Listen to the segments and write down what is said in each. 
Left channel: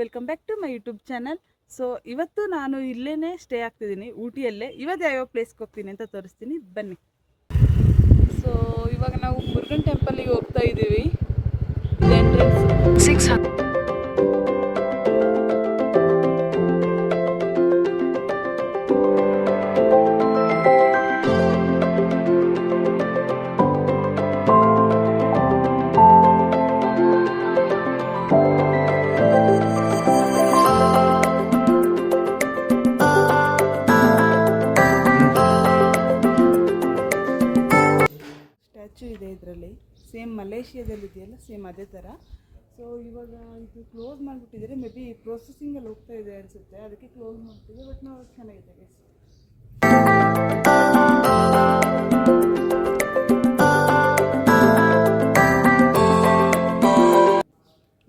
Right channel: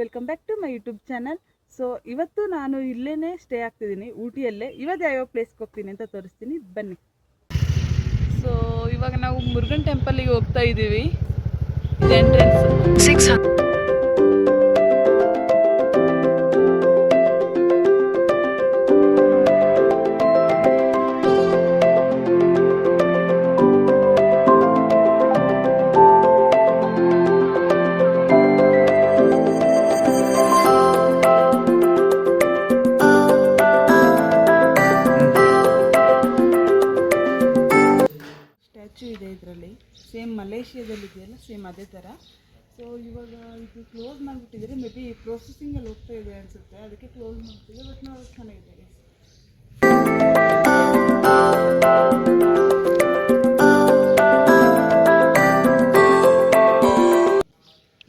Welcome back to my YouTube channel. So ಇವತ್ತು ನಾನು ಇಲ್ಲೇ ಸ್ಟೇ ಆಗ್ತಿದ್ದೀನಿ, ಊಟಿಯಲ್ಲೇ. ಇವತ್ತು ಯಾವ್ಯಾವ ಪ್ಲೇಸ್ಗೆ ಹೋಗ್ತೀನಿ ಅಂತ ತೋರಿಸ್ತೀನಿ, ಬನ್ನಿ. ಸೊ ಇವಾಗ ನಾವು ಮುರುಗನ್ ಟೆಂಪಲ್ಗೆ ಹೋಗ್ತಾ ಇದ್ದೀವಿ. ಇದು ಎಂಟ್ರೆನ್ಸ್. ಇದೆ ಇದರಲ್ಲಿ ಸೇಮ್ ಮಲೇಷಿಯಾದಲ್ಲಿ ಇದೆಯಲ್ಲ, ಸೇಮ್ ಅದೇ ಥರ. ಸೊ ಇವಾಗ ಇದು ಕ್ಲೋಸ್ ಮಾಡಿಬಿಟ್ಟಿದ್ದಾರೆ, ಮೇ ಬಿ ಪ್ರೊಸೆಸಿಂಗಲ್ಲಿ ಹೋಗ್ತಾ ಇದೆ ಅನಿಸುತ್ತೆ, ಅದಕ್ಕೆ ಕ್ಲೋಸ್ ಮಾಡ್ತಿದೆ. ಬಟ್ ನೋಡೋಕೆ ಚೆನ್ನಾಗಿದೆ.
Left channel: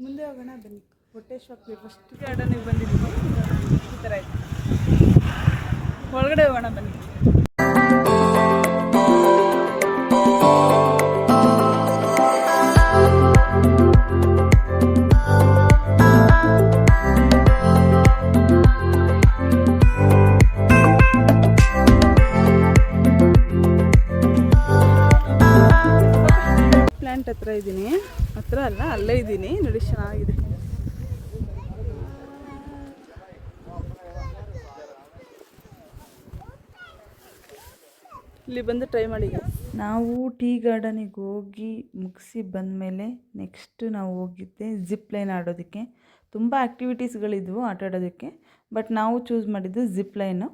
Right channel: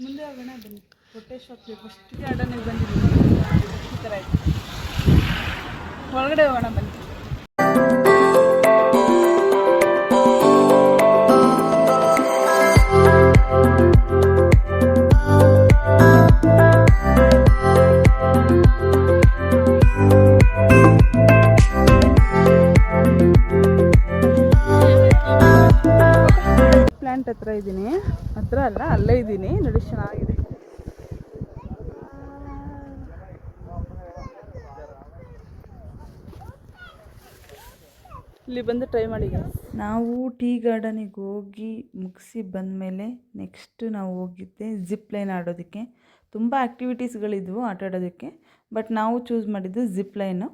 ಮುಂದೆ ಹೋಗೋಣ ಬನ್ನಿ. ಕೊಟ್ಟೇಶ್ವರ ಫಸ್ಟ್ ಗಾರ್ಡನಿಗೆ ಬಂದಿದ್ದೀವಿ. ಈ ಥರ ಇದೆ, ಒಳಗಡೆ ಹೋಗೋಣ ಬನ್ನಿ. ಹತ್ರ ಇದ್ದೀನಿ, ಹತ್ರ ಅಲ್ಲ, ಅಲ್ಲೇ ಇದ್ದೀನಿ ನೋಡಿ, ಚೆನ್ನಾಗಿದೆ. ಇಲ್ಲಿ ಬಂದು ಟ್ರೈ ಮಾಡಿ. ನಾವು ಟೀ ಗಾರ್ಡನಿಗೆ ಹೋಗಿ ಮುಗಿಸಿ ಬಂದಮೇಲೆ ನೆಕ್ಸ್ಟ್ ನಾವು ಹೋಗಿದ್ದೆ ಜಿಪ್ ಲೈನ್ ಆಡೋದಕ್ಕೆ. ತುಂಬ ಆ್ಯಕ್ಟಿವಿಟೀಸ್ಗಳಿದ್ವು ಆಟ ಆಡೋದಕ್ಕೆ, ಬಟ್ ನಾವು ಚೂಸ್ ಮಾಡಿದ್ದು ಜಿಪ್ ಲೈನು.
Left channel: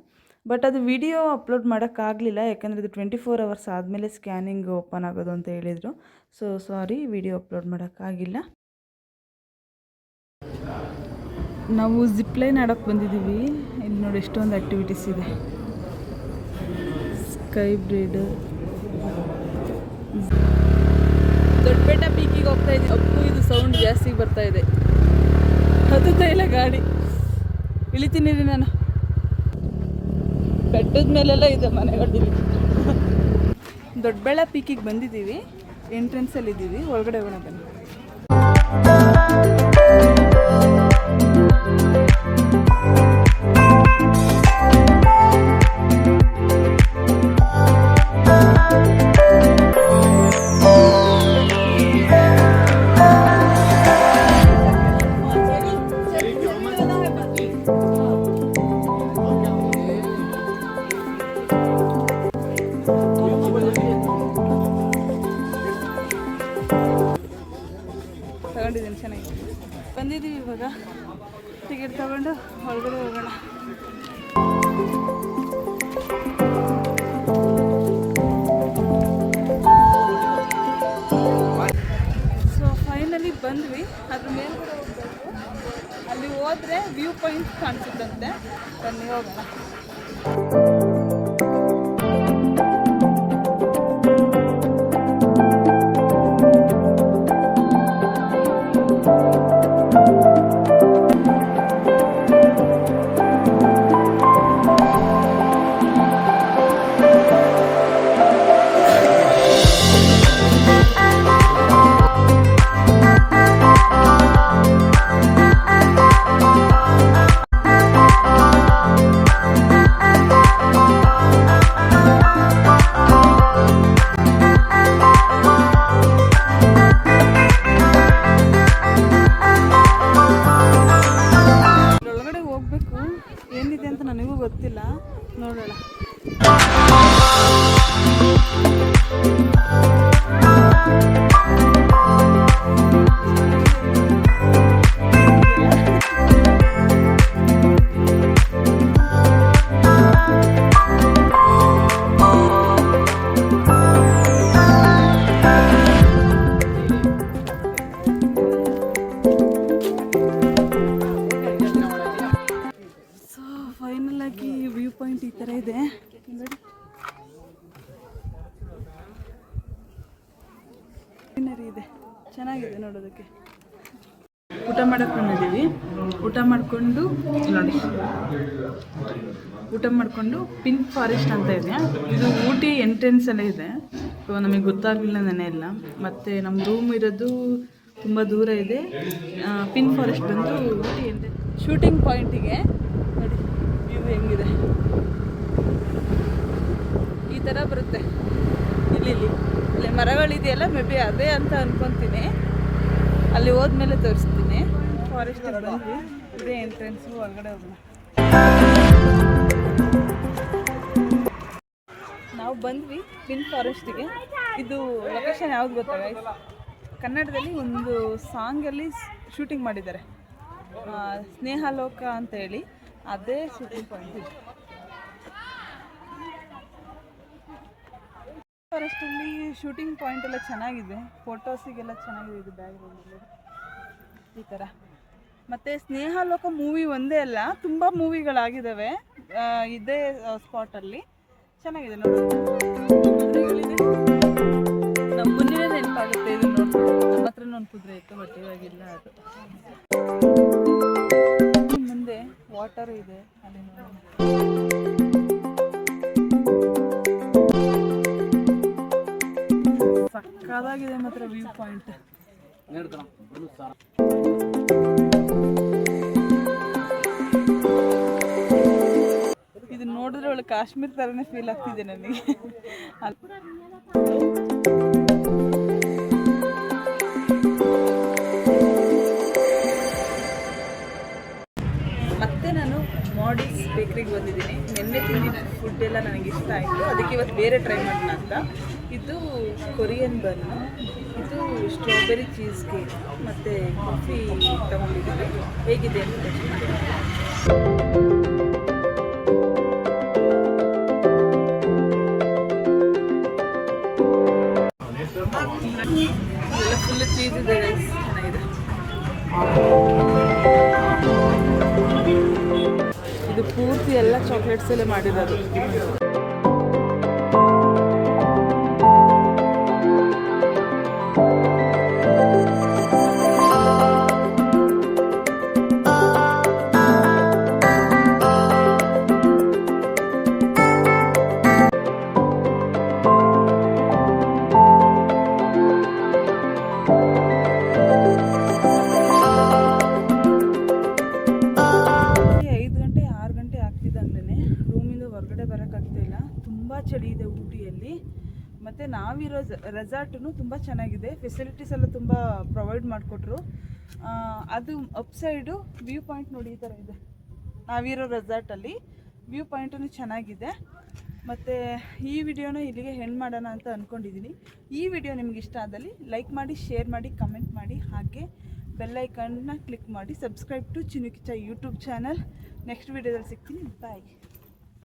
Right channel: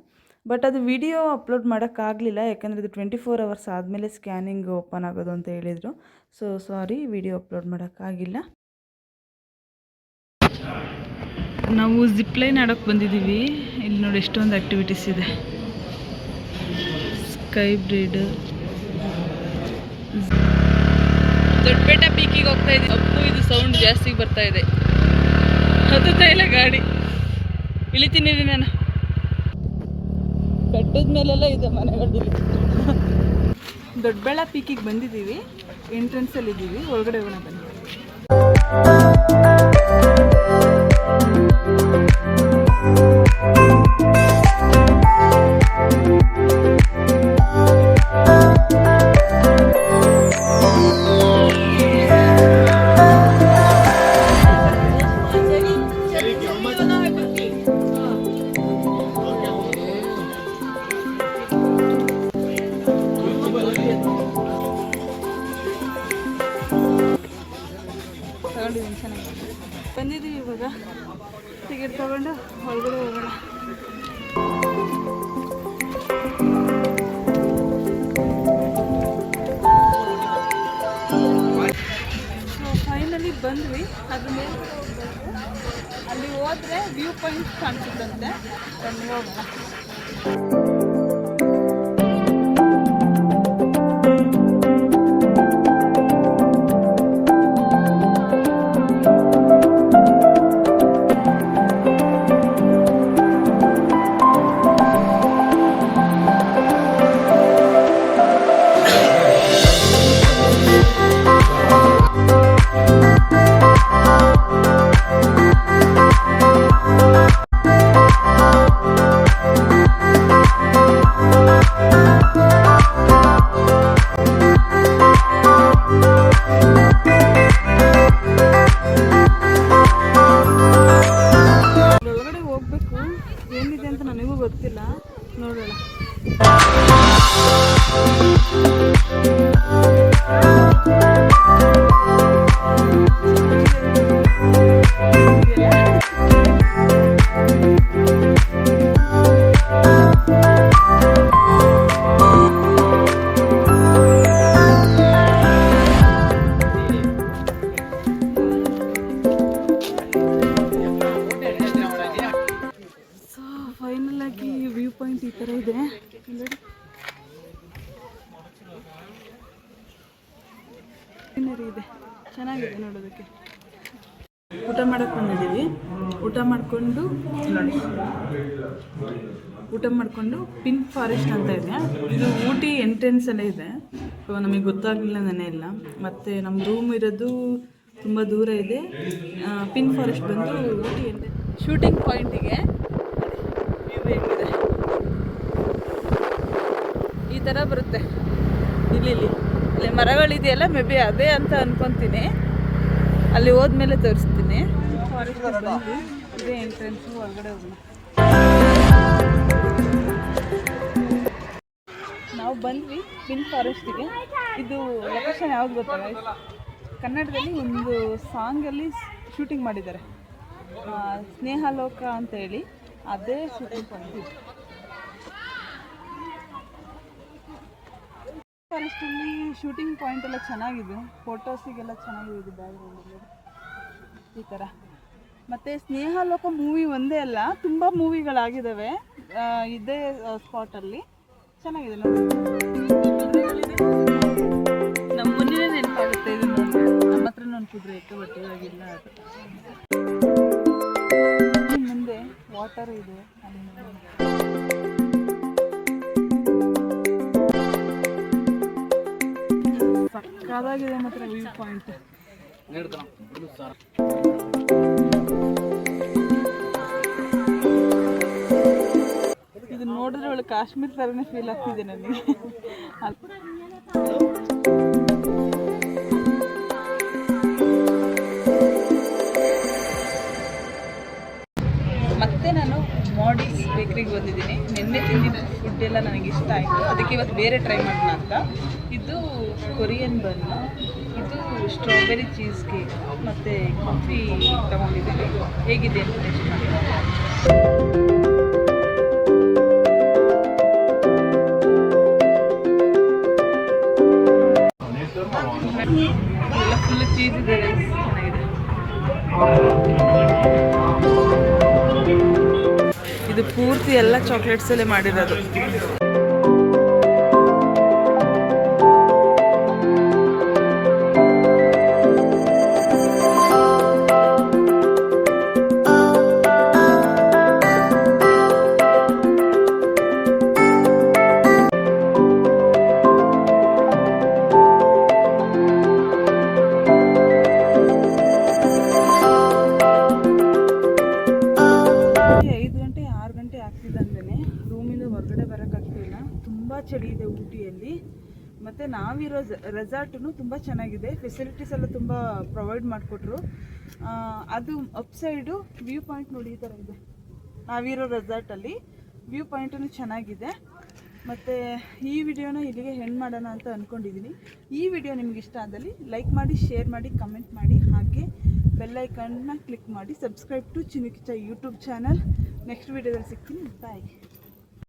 ಬಟ್ ಅದು ವಿಡಿಯೋ ಅಪ್ಲೋಡ್ ಮಾಡೋಕ್ಕಾಗಲಿಲ್ಲ, ಯಾಕಂದರೆ ಅದು 24 hours ಆದಮೇಲೆ ಸ್ಕ್ಯಾನಿಂಗ್ ಓಪನ್ ಆಗೋದು ಅಂತ ಹೇಳಿದರು. ಸೊ ಸಾರಿ, ವಿಡಿಯೋ ಅಪ್ಲೋಡ್ ಮಾಡೋಕ್ಕಾಗಿಲ್ಲ. ನಾವು ಜಿಪ್ ಲೈನ್ ಆಡೋಕ್ಕೆ ಬಂದಿದ್ದೀವಿ. ಇಲ್ಲಿ ನೋಡಿ ಎಷ್ಟೊಂದು ಆ್ಯಕ್ಟಿವಿಟೀಸ್ ಇದೆ. ಸ್ಕೈ ಬ್ರೀಡ್, ದೊಡ್ಡಬೆಟ್ಟ ಪೀಕಿಗೆ ಹೋಗ್ತಾ ಇದ್ದೀವಿ. ಅಪ್ಪು ಇದು ಸೌಂಡ್ ಜಾಸ್ತಿ ಬರ್ತಾ ಇದೆ, ಹತ್ತುತ್ತಾ ಇಲ್ಲ ಗಾಡಿ. ಇಳಿತೀನಿ ರೀ ನಾನು. ಬೆಟ್ಟದ ಮೇಲೆಲ್ಲ ಇದೆ ಮನೆಗಳು. ದೊಡ್ಡಬೆಳ್ಳ ಪೀಕಿಗೆ ಬಂದಿದ್ದೀವಿ, ಎಂಟ್ರೆನ್ಸಲ್ಲಿ ಇದ್ದೀವಿ. ಒಳಗಡೆ ಹೋಗೋಣ ಬನ್ನಿ. ಚೆನ್ನಾಗಿ ಬಂದಿದ್ದೀವಿ. ಇವಾಗ ಟಿಕೆಟ್ ತಗೊಂಡು ಹೊರಗಡೆ ಹೋಗೋಣ. ಸೊ ಫೈನಲಿ ಬಂದ್ವಿ. ಅದ್ರ ಮೇಲ್ಗಡೆ ಹೋಗ್ಬೇಕು. ಅಲ್ಲಿ ಹೋದರೆ ವ್ಯೂ ಪಾಯಿಂಟ್ ಕಾಣಿಸುತ್ತಂತೆ. ಬನ್ನಿ ಹೋಗೋಣ. ಏನಿದೆ ಅಂತ ನನಗೂ ಗೊತ್ತಿಲ್ಲ, ನೋಡೋಣ. ಫೈನಲ್ ಆಗಿ ವ್ಯೂ ಪಾಯಿಂಟ್ ಈ ಥರ ಇದೆ. ಸೀನರಿ ಇದೆ, ಚೆನ್ನಾಗಿದೆ ನೋಡೋದಕ್ಕೆ. ಊಟ ಮಾಡಕ್ಕೆ ಬಂದಿದ್ದೀವಿ. ಊಟ ಮಾಡಿಕೊಂಡು ನೋಡಿ, ಊಟ ಮಾಡಿಕೊಂಡು ಪಿಂಕ್ ಫಾರೆಸ್ಟ್ ಅಂತ ಇದೆ. ಇದು ಊಟಿ ಎಂಟ್ರೆನ್ಸಲ್ಲೇ ಇದೆ. ಸೊ ನಮಗೆ ಗೊತ್ತಾಗಲಿಲ್ಲ ನೆನೆ ಎಲ್ಲ. ಮತ್ತು ನಮ್ಮ ರೂಮ್ ಇರೋದು ತುಂಬ ದೂರ ಇದೆ. ಪಿನ್ ಫಾರೆಸ್ಟ್ ಬಂದು ಊಟಿ ಅಂದರೆ ಶೂಟಿಂಗ್ ಪಾಯಿಂಟಿಗೆ ನೋಡಿ ವ್ಯೂ ಹೆಂಗಿದೆ, ಈ ಥರ ಬರುತ್ತೆ. ಇಲ್ಲಿ ಮರಗಳಿದೆಯಲ್ಲ, ಮೇ ಬಿ ಅದೇ ಅಂತ ಅಂದ್ಕೊತೀನಿ. ಅಲ್ಲಿ ಹೋದ್ಮೇಲೆ ತೋರಿಸ್ತೀನಿ. ಫಾರೆಸ್ಟ್ ಬಂದು ಇದೇ ಎಂಟ್ರೆನ್ಸು, ಹೊರಗಡೆ ಹೋಗೋಣ. ನಾವು ಬಂದ್ವಿ ಪಿನ್ ಫಾರೆಸ್ಟಿಗೆ. ಇದು ಲೊಕೇಶನ್ ಯಾವ್ದು ಗೊತ್ತಾಗ, ಕನ್ನಡದಲ್ಲಿ ಒಂದು ಸಾಂಗಲ್ಲಿ ಶೂಟಿಂಗ್ ಮಾಡಿದ್ದಾರೆ, ಸ್ನೇಹಲೋಕ ಅಂತೇಳಿ, ಅದೇ ಶೂಟಿಂಗ್ ಪಾಯಿಂಟ್ ಇದು. ಫಾರೆಸ್ಟಲ್ಲಿ ಶೂಟಿಂಗ್ ಪಾಯಿಂಟ್ ಎಲ್ಲ ಚೆನ್ನಾಗಿದೆ, ಫೋಟೋಸಿಗೆಲ್ಲ ಚೆನ್ನಾಗಿದೆ. ಇದು ಬ್ಯಾಕ್ಗ್ರೌಂಡಲ್ಲಿ ಈ ಥರ. ಮತ್ತು ಸ್ನೇಹಲೋಕ ಮೂವಿ ಒಂದೇ ಅಲ್ಲ, ತುಂಬ ಮೂವಿಗಳಾಗಿದ್ದಾವೆ ಇದೇ ಸ್ಪಾಟಲ್ಲಿ. ಚೆನ್ನಾಗಿದೆ ನೋಡಿ. ನಮ್ಮ ಮುಂದೆ ನೆನಪಾಗುತ್ತೆ ಇದು ನೋಡಿ. ನಮ್ಮ ಹತ್ರನೂ ಒಂದು ಕುದುರೆ ಇತ್ತು, ಬಟ್ ಇವಾಗಿಲ್ಲ. ಅದು ಮುಂದೆ ವಾಟರ್ ಇದೆ, ಅಲ್ಲಿ ನೋಡೋಣ. ಸಕ್ಕದಾಗಿದೆ ಮಾತ್ರ ವ್ಯೂ ಪಾಯಿಂಟ್. ಇದು ನೋಡಿದ್ರೆ ಒಳ್ಳೆ ಕಾಶ್ಮೀರ ಥರನೇ ಫೀಲ್ ಆಗ್ತಿದೆ ನನಗೆ. ಮತ್ತೆ ನಾನು ಮಾಡೀಸ್ ಬೇಕ್ರಿಗೆ ಬಂದಿದ್ದೀನಿ. ನಿನ್ನೆ ತಿಂದಿದ್ದ ಫುಡ್ ಎಲ್ಲ ನನಗೆ ಇಷ್ಟ ಆಯಿತು, ಅದಕ್ಕೆ ಇವತ್ತು ಬೇರೆ ಟ್ರೈ ಮಾಡೋಣ ಅಂತ. ಇದು ಕೊರಿಯನ್ ಬನ್ನು, ಇದು ಸ್ಟ್ರಾಬೆರಿ ಚೀಸ್ ಕೇಕ್ ಮತ್ತು ಕಾಫಿ ತೊಗೊಂಡಿದ್ದೀನಿ. ಹೇಗಿದೆ ಅಂತ ಟೇಸ್ಟ್ ಮಾಡಿ. ಎಲ್ಲ ಫುಲ್ ಚೀಸ್ ಇದೆ ಗೈಸ್, ಚೆನ್ನಾಗಿದೆ. ಇದು ಪೂರ್ತಿ ಎಲ್ಲ ಚಾಕ್ಲೇಟ್ಸಲ್ಲೇ ಮಾಡಿರೋದು. ಚಳಿ ಇದೆ ಊಟಿಯಲ್ಲಿ. ಮತ್ತು ನಾವಿರೋ ರೆಸಾರ್ಟೂ ತುಂಬ ಚೆನ್ನಾಗಿದೆ, ಫೆಸಿಲಿಟೀಸ್ ಎಲ್ಲ ತುಂಬ ಪ್ರೊವೈಡ್ ಮಾಡಿಕೊಟ್ರು. ಅದು ಅಪ್ಸೈಡು ವ್ಯೂ ಪಾಯಿಂಟ್ ನೋಡಿ ಈ ಥರ ಇದೆ. ನಾವಿರೋ ರೆಸಾರ್ಟಲ್ಲಿ ವ್ಯೂ ಪಾಯಿಂಟೂ ಚೆನ್ನಾಗಿದೆ. ಮತ್ತು ಈ ವಿಡಿಯೋನ ಇಲ್ಲಿಗೆ ಹೆಣ್ಣು ಮಾಡೋಣ ಅಂತ ಅಂದ್ಕೊಂಡಿದ್ದೀನಿ. ಈ ವಿಡಿಯೋ ನಿಮ್ಗೆ ಇಷ್ಟ ಆದಲ್ಲಿ ಲೈಕ್ ಮಾಡಿ, ಶೇರ್ ಮಾಡಿ, ಕಮೆಂಟ್ ಮಾಡಿ, ಹಾಗೆ ಬೆಲ್ಲೈಕನ್ನ ಕ್ಲಿಕ್ ಮಾಡಿ. ಸಬ್ಸ್ಕ್ರೈಬ್ ಟು ಚಿನುಕಿಚ ಯೂಟ್ಯೂಬ್ ಚಾನಲ್. ನೆಕ್ಸ್ಟ್ ವಿಡಿಯೋದಲ್ಲಿ ಸಿಗ್ತೀನಿ. ಬಾಯ್.